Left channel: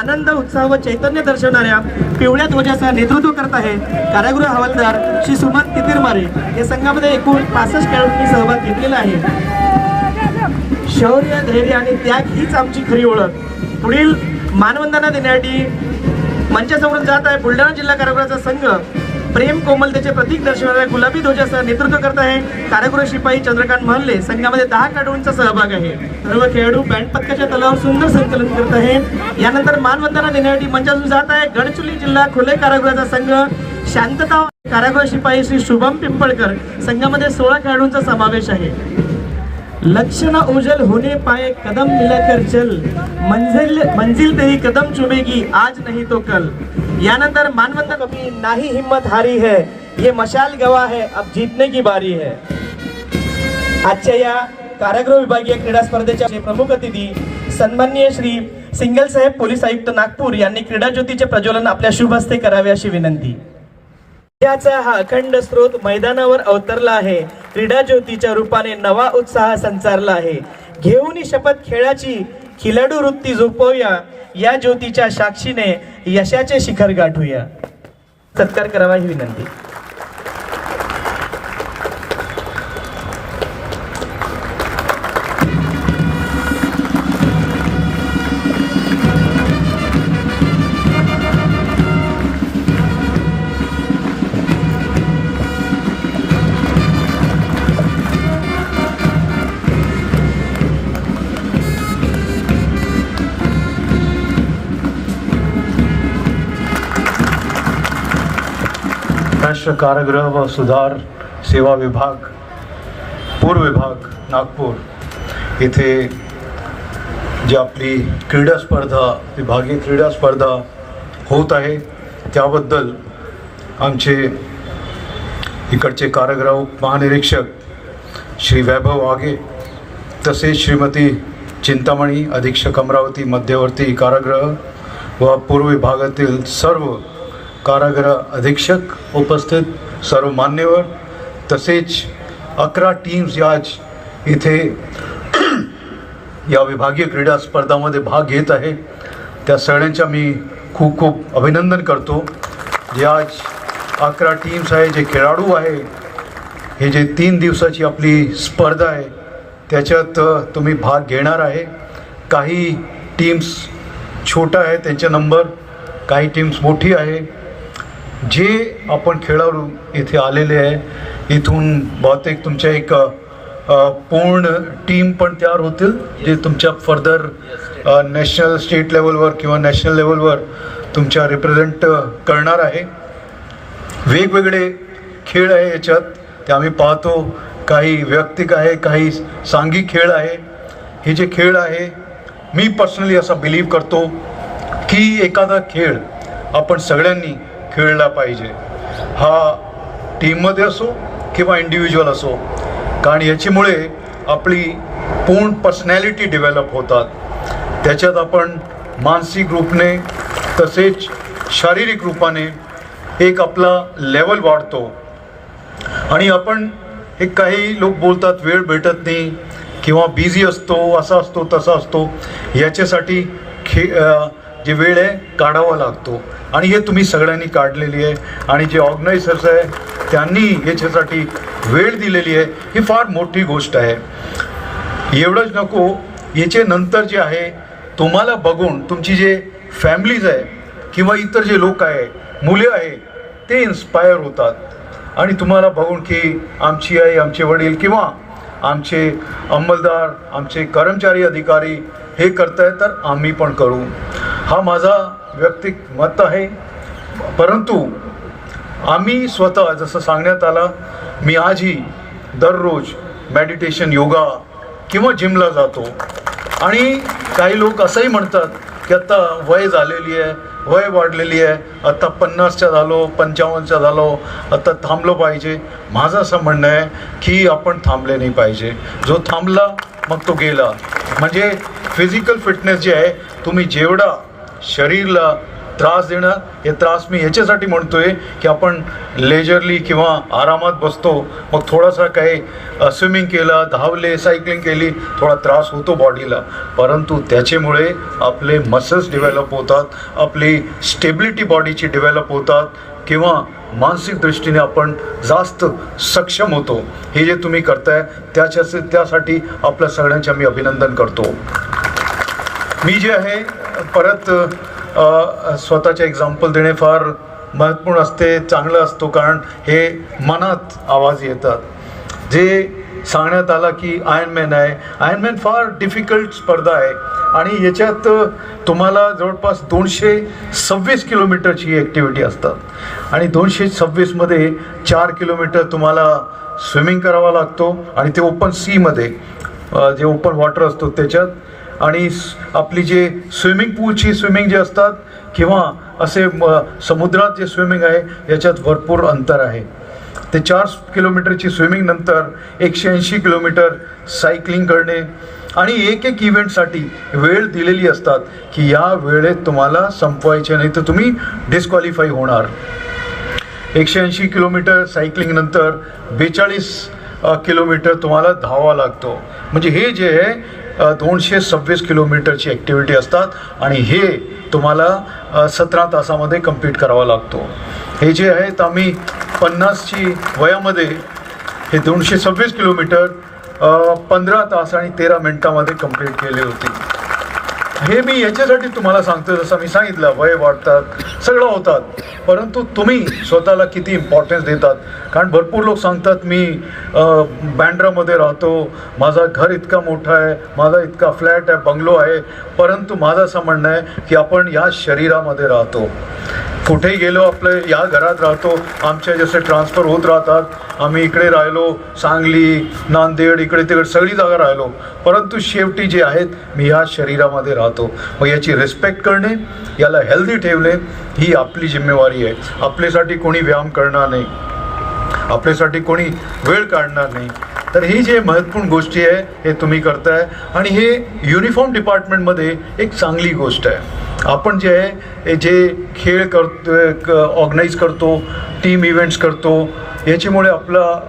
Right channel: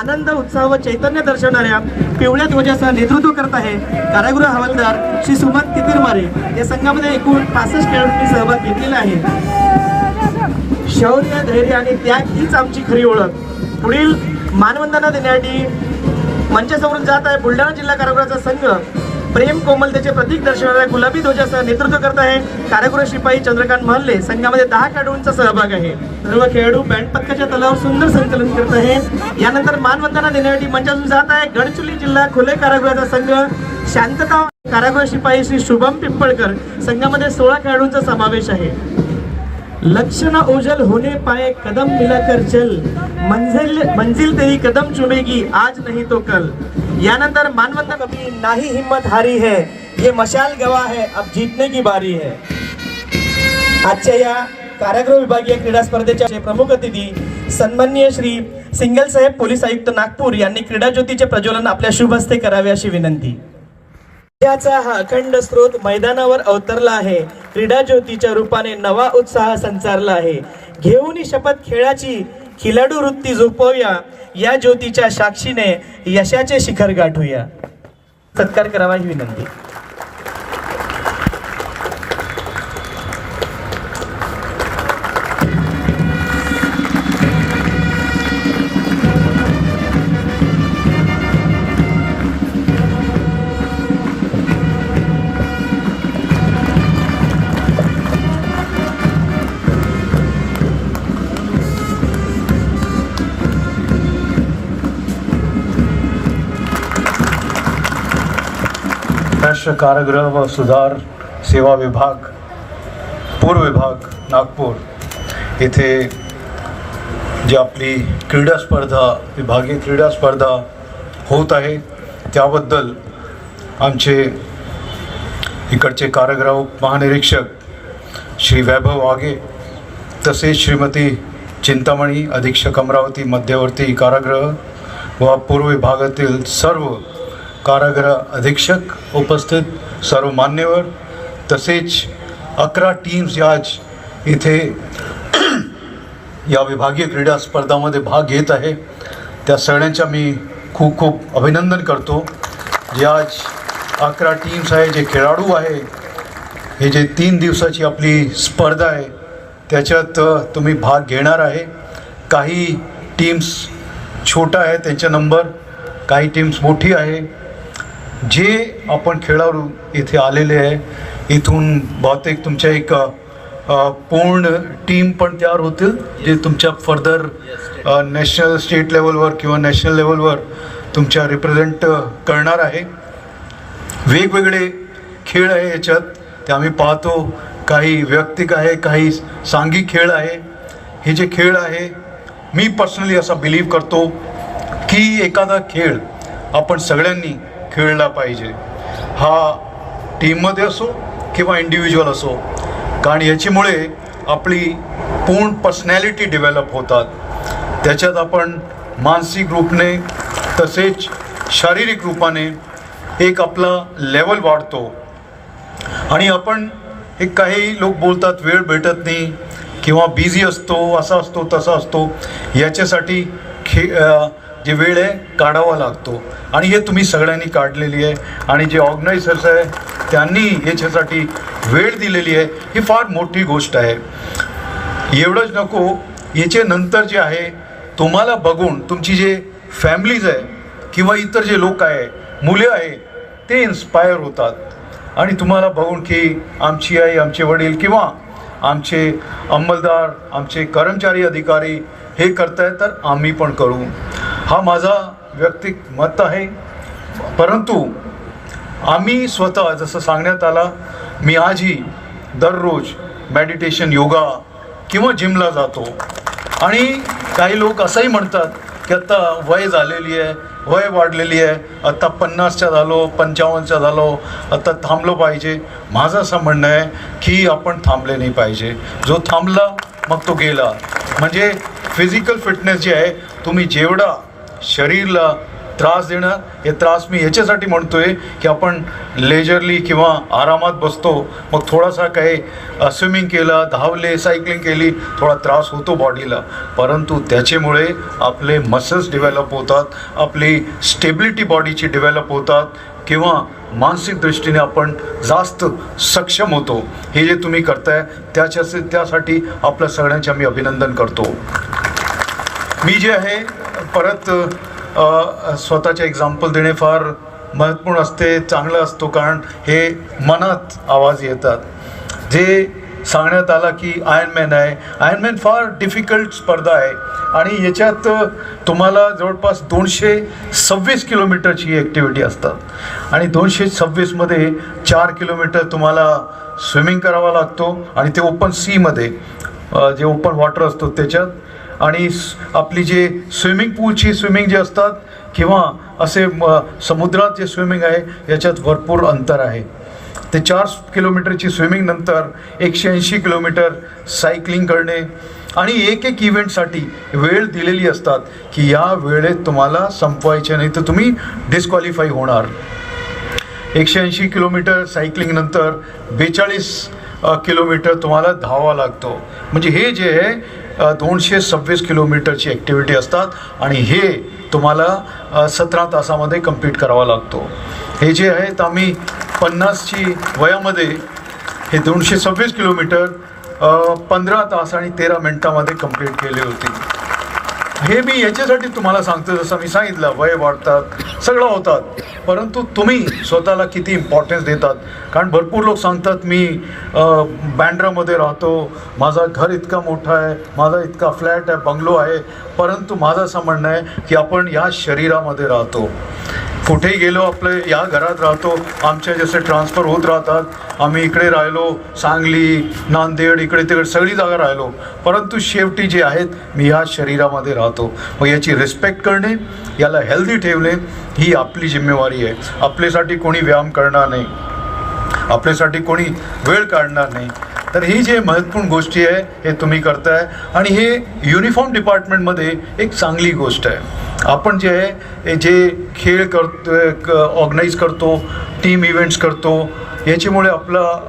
आनंद उत्साह व चैतन्य दर्शवणाऱ्या पिवळ्या ध्वजाचं नेतृत्व करत आहे कारागृह हवालदार श्री सुमन कितीरमारे. या संघामध्ये एकूण 65 खेळाडूंनी सहभाग घेतलेला आहे. शौर्य, धैर्य आणि त्याग हीच आमची खरी ओळख. पुढील मानवंदना देण्यासाठी मंचासमोरून जात आहे बुलढाणा जिल्हा कारागृहाचा संघ. प्रेम कोमलतेचे प्रतीक दर्शवणाऱ्या गुलाबी ध्वजाचं नेतृत्व करत आहे कारागृह शिपाई चंद्रकांत महल्ले. संघामध्ये 10 खेळाडूंचा सहभाग आहे. सर्व खेळाडू बँड पथकाच्या तलावर सुंदर संकलन करत आहे. यानंतर मानवंदना देण्यासाठी मंचातून जात आहे गडचिरोली जिल्हा खुले कारागृहाचा संघ. शांतता कारागृह शिपाई श्री शुभम पिंपळकर. संघामध्ये 16 खेळाडूंचा समावेश आहे. लक्ष्य न ओझल होने पाए कदम मिलाकर चल, मंजिल तेरी कदम चुमेगी आज नहीं तो कल. यानंतर मानवंदना कभी नाही हिम्मत हारी है, ये मशाल गवा है, अब जीतने की बारी है. आजच्या या कारागृह विभागीय क्रीडा स्पर्धेचे प्रमुख अतिथी सन्माननीय श्री सिंगल साहेब पोलीस आयुक्त नागपूर यांनी क्रीडा ज्योतीचे प्रज्वलन आपल्या शुभ हस्ते करावे अशी विनंती. याचा हा अखंड स्रोत मैदानावर अवतरला आहे. क्रीडा ज्योतीच्या रूपाने नवा उत्साह संचारला आहे. घेऊन शपथ खेळाची खिलाडू वृत्ती झोपवूया, या ज्योतीच्या साक्षीने यशाचे शिखर गाठूया. सत्कार करावा ही विनंती. राष्ट्र कारागृह व सुधार सेवा विभाग पूर्व विभाग नागपूर येथे जी आपली क्रीडा स्पर्धा विभागीय क्रीडा स्पर्धा होत आहे त्याबद्दल आमचे इकडचे कारागृह महानिरीक्षक श्री वैभव वाघे तसेच श्रीमती चिंतामणी अधीक्षक अमरावती मध्यवर्ती कारागृह व पूर्व विभागातील सर्व कारागृह अधीक्षक उपस्थित सर्व मान्यवर तसेच 11 टीम्स आज इथे या विभागीय क्रीडा स्पर्धामध्ये भाग घेत आहे. त्या सगळ्यांचा मी खूप खूप अभिनंदन करतो. जे आज 11 टीम्स आहे, जे खेळाडू आहे, हे जे 3 दिवसाची आपली स्पर्धा आहे त्याच्यात तुम्ही भाग घेणार आहे. काही टीम्स छोटा आहे त्यांचा नंबर, काही टीम्स मोठी आहे. जे आपण खेळाडू इथे आलेले आहे इथून बहुतेक तुमच्या एक पूर्ण टीम पण तयार होतील जे तुमच्या फर्दर नॅशनल स्टेट लेवलवर किंवा नॅशनल लेवलवर तुमच्या रिप्रेझेंट करणार आहे. वेगवेगळे खेळ आहे याच्यात ते आम्ही पाहतो. काही वैयक्तिक आहे, काही सांघिक खेळ आहे. हे जे खेळ आहे मी पर्सनली असं बिलीव करतो की एखादा खेळ आपण सगळ्यांनी खेळला पाहिजे. हा टीममध्ये असो किंवा इंडिव्हिज्युअल असो, कारण याच्यामुळे आपली पूर्ण पर्सनॅलिटी डेव्हलप होतात. त्याच्यात आपण मानसिक रूपाने तसेच शारीरिक रूपाने एक आपला लेवल वाढतो. आणि आपण एक काही लोक बोलतात वेळ भेटत नाही किंवा बिझी असतो, असा असतो तसा असतो. याच्यासाठी जे वेळ आहे काढावा लागतो आणि हे तुम्ही सगळ्यांनी काढलेली आहे. आणि जे ऑर्गनायझर्स आहे त्यांनी याच्यासाठी वेळ दिलेली आहे. ही फार मोठी गोष्ट आहे. एवढंच नको, याच्या नंतर जे आहे तुम्हाला बघून तुमची जे फॅमिलीज आहे किंवा इतर जे लोक आहे, मुले आहे, ते इन्स्पायर होतात आणि तुम्हाला बघून की आमची आई, आमचे वडील किंवा आमचे अंमलदार, आमचे कर्मचारी अधिकारी हे करतायत तर आम्ही पण करू. हा माझा वैयक्तिक मत आहे. परंतु आम्ही स्वतः जसं सांगण्यात आला, मी आजही दररोज मेडिटेशन, योगा किंवा जिमला जातो. आणि काही लोक असंही म्हणतात की आता वय झालेली आहे, वय वाढलेली आहे, आता 50च्या झालो, 55च्या झालो, आता थांबलो पाहिजे. माझं असं म्हणणं आहे की आपण थांबले नाही पाहिजे. जो थांबला मग तो गेला. म्हणजे फिजिकल फिटनेस जे आहे तुम्ही जेवढा शरीरला त्रास देणं, हे त्रास मी याच्यासाठी म्हणतोय की आपण लेजरली किंवा आरामात बसतो, मग थोडासा काही स्विमिंग केलं, धावले, सायकलिंग केली, थोडा त्रास होतो बॉडीला, परंतु त्याच्यामुळे आपले मसल्स डेव्हलप होतात, आपली स्टेबिलिटी बॉडीची डेव्हलप होतात किंवा मानसिक दृष्टीने आपण जास्त सक्षम होतो. हे जे तुम्ही करताय त्यासाठी आपल्या सगळ्यांचे मी अभिनंदन करतो. मी जे आहे परत स्वतःचे एक्झाम्पल देणे फार महत्त्वपूर्ण असते, चांगलं असतो, कारण हे मनात आवाज येतात. जे सांगण्यात आला की आयर्नमॅन आहे, आयर्नमॅन फार डिफिकल्ट स्पर्धा आहे आणि याच्यात तुम्हाला जवळपास 226 किलोमीटरची ॲक्टिव्हिटी असतात आणि 226मध्ये 4 किलोमीटर तुम्हाला स्विमिंग करावा लागतो आणि ते ओपन सीमध्ये, जे ओपन वॉटर असतो त्याच्यात, आणि आपली जे स्विमिंग पूलची स्विमिंग जे असतात किंवा असे समुद्रात जे स्विमिंग आहे याच्यात भरपूर अंतर आहे. ते 4 किलोमीटरची स्विमिंग नंतर 180 किलोमीटर सायकलिंग करणे आणि एक इव्हेंटसाठी वेळ दिलेली असतात की या वेळेत तुम्हाला संपवायचे नाही तर तुम्ही डिस्क्वालिफाय होणार. 180 किलोमीटर सायकलिंग नंतर 42 किलोमीटर तुम्हाला धावावा लागतो. म्हणजे हे जे आहे 226 किलोमीटरची ॲक्टिव्हिटी असतात आणि हे तुम्हाला 17 तासामध्ये कंप्लीट करावा लागतो. हे जे आहेत आम्ही 50ची वयामध्ये हे 226 किलोमीटर 15 तास आणि 13 मिनिटामध्ये कंप्लीट केले होते. हे मी याच्यासाठी तुम्हाला सांगतो, जसं मी सांगितलं वय वाढतात, सगळं होतात, परंतु तुम्ही स्वतःला किती इम्पॉर्टन्स देतात. कारण भरपूर लोक सांगतात मी बँड्रामध्ये राहतो, माझा घर इतका मोठा आहे, माझा इतका फ्लॅट आहे, बंगलो आहे, परंतु माझं असं म्हणणं आहे की आपण या शरीरामध्ये राहतो. कुठेही गेलो आपलं या घरात राहतो, आमच्या जसे ट्रान्सफर होत राहतात, आम्ही इकडे राहिलो, सांगली, नांदेड, इकडे तिकडे सगळी जागा राहिलो, परंतु शेवटी जे आहेत मी या शरीरामध्ये राहतो. मग याची रिस्पेक्ट करणे, याला हेल्दी ठेवणे ही आपली जिम्मेवारी आहे. आपल्यासाठी कोणी व्यायाम करणार नाही, आपल्यासाठी कोणी वेळ काढणार नाही. तर ही जे महत्त्वपूर्ण गोष्टी आहे हे तुम्ही करताय आणि हे युनिफॉर्म डिपार्टमेंटमध्ये एक चांगली गोष्ट आहे. आपण जे आहे हे जे खेळ करतो, ऑर्गनाईज करतो, टीम इव्हेंट्स करतो, याच्यामुळे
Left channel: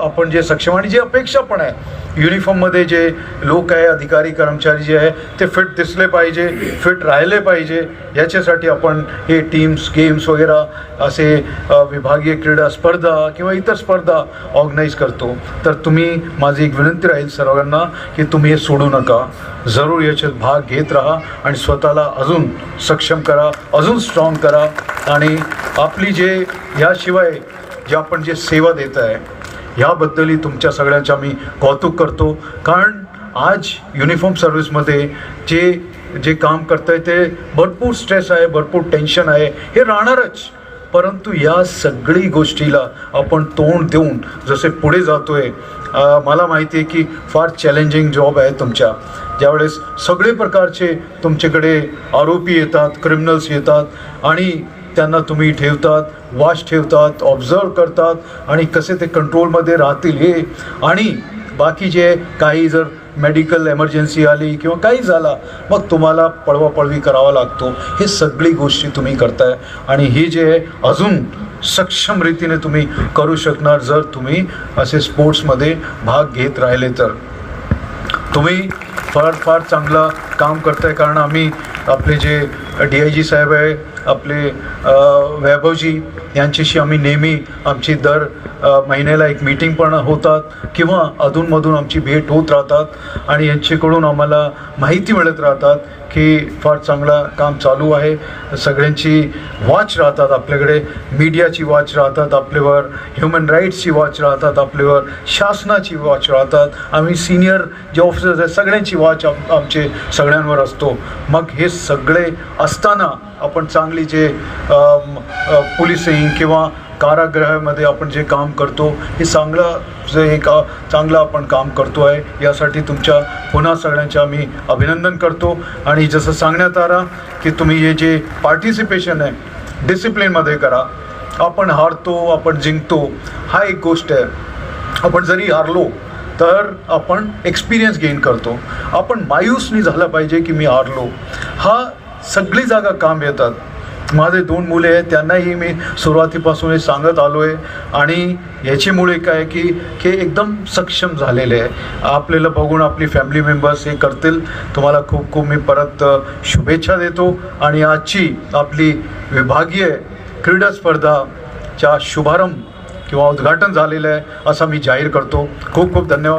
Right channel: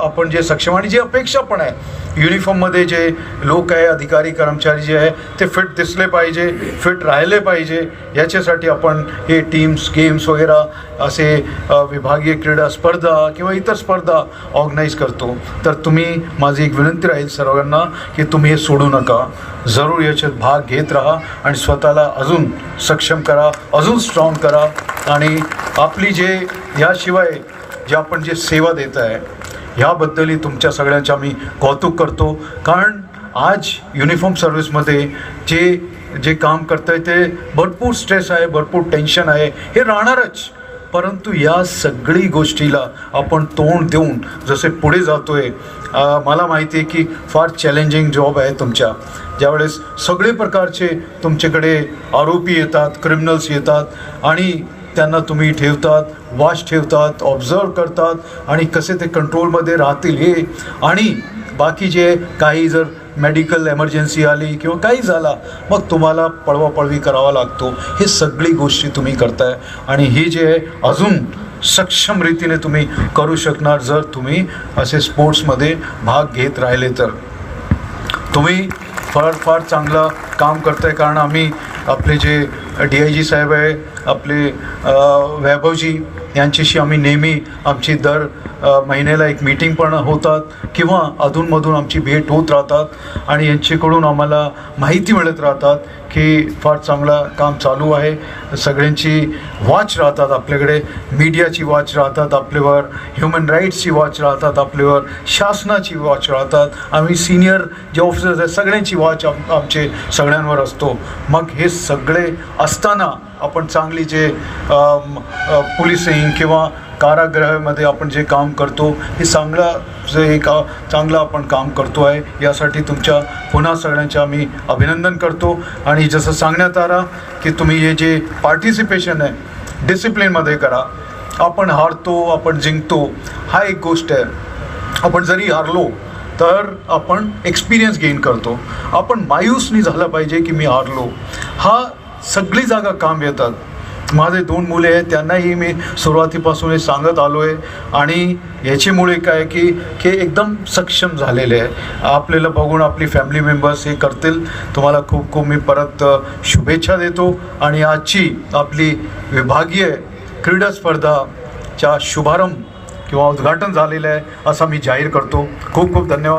आपण जे सक्षम आणि जे अपेक्षा पण आहे युनिफॉर्ममध्ये जे लोक आहे, अधिकारी कर्मचारी जे आहे ते फिट दिसले पाहिजे, फिट राहिले पाहिजे, याच्यासाठी आपण हे टीम्स, गेम्स वगैरे असे विभागीय क्रीडा स्पर्धा किंवा इतर स्पर्धा ऑर्गनाईज करतो. तर तुम्ही, माझी एक विनंती राहील सर्वांना की तुम्ही हे सोडू नका, जरूर याच्यात भाग घेत राहा आणि स्वतःला अजून सक्षम करा, अजून स्ट्रॉंग करा. आणि आपली जे याशिवाय जे आपण जे सेवा देत आहे ह्याबद्दलही तुमच्या सगळ्यांच्या मी कौतुक करतो. कारण आज युनिफॉर्म सर्व्हिसमध्ये जे काम करताय ते भरपूर स्ट्रेस आहे, भरपूर टेन्शन आहे, हे राहणारच, परंतु या सगळी गोष्टीला आपण तोंड देऊन जसे पुढे जातोय, मला माहिती आहे की फार चॅलेंजिंग जॉब आहे तुमच्या. ज्यावेळेस सगळे प्रकारचे तुमच्याकडे आरोपी येतात, क्रिमिनल्स येतात आणि त्यांना तुम्ही ठेवतात, वॉच ठेवतात, ऑब्झर्व करतात आणि कसे ते कंट्रोलमध्ये राहतील हे, आणि बाकी जे काही जर मेडिकल एमर्जन्सी आली किंवा काही झाला मग तुम्हाला पळवापळवी करावा लागतो. हे सगळी गोष्टी तुम्ही करताय आणि ही जे आहे अजून सक्षम रीतीने तुम्ही करू शकणार जर तुम्ही असे स्पोर्ट्समध्ये भाग घेत राहिले तर. तुम्ही फार चांगलं काम करताय. कारण आम्ही आपले जे DIG साहेब आहे, आपले वैभवजी यांच्याशी आम्ही नेहमी आमची दर महिन्याला एक मीटिंग पण होतात किंवा अधूनमधून आमची भेट होत राहतात आणि यांच्याकडून आम्हाला माहिती मिळत राहतात की फार चांगलं काम चालू आहे. सगळ्यांची वॉच राहतात आपल्याकडे, मीडियाची वॉच राहतात आपल्यावर, ह्युमन राईट्सची वॉच राहतात आपल्यावर, शासनाची वॉच राहतात, आम्ही सिनियर जे ऑफिसर्स आहेत सगळ्यांची वॉच आमचे सगळ्यांवर असतो. मग हे सगळे असताना आपण चांगली जे पोलिसिंग किंवा कारागृहामध्ये आपण जे काम करतो हे चांगलं आपण काम करतो आहे. यासाठी तुमच्या पुन्हा सगळ्यांच्या आम्ही अभिनंदन करतो. आणि जसं सांगण्यात आलं की तुम्ही हे जे पार्टिसिपेशन आहे डिसिप्लिनमध्ये करा. आपण हारतो, आपण जिंकतो, हा एक गोष्ट आहे. आपण जरी हारलो तर आपण एक्सपिरियन्स गेन करतो. आपण मायूस नाही झालं पाहिजे की मी हारलो. हा सगळी जागा काम येतात. माझे 2 मुले आहेत, त्यांनाही मी सुरुवातीपासून हे सांगत आलो आहे आणि याच्यामुळे काय की एकदम सक्षम झालेले आहे. आपल्याला बघून आपली फॅमिली मेंबर्स हे करतील. तुम्हाला खूप खूप मी परत शुभेच्छा देतो आणि आजची आपली विभागीय क्रीडा स्पर्धाच्या शुभारंभ किंवा उद्घाटन झालेलं आहे असं मी जाहीर करतो. खूप खूप धन्यवाद.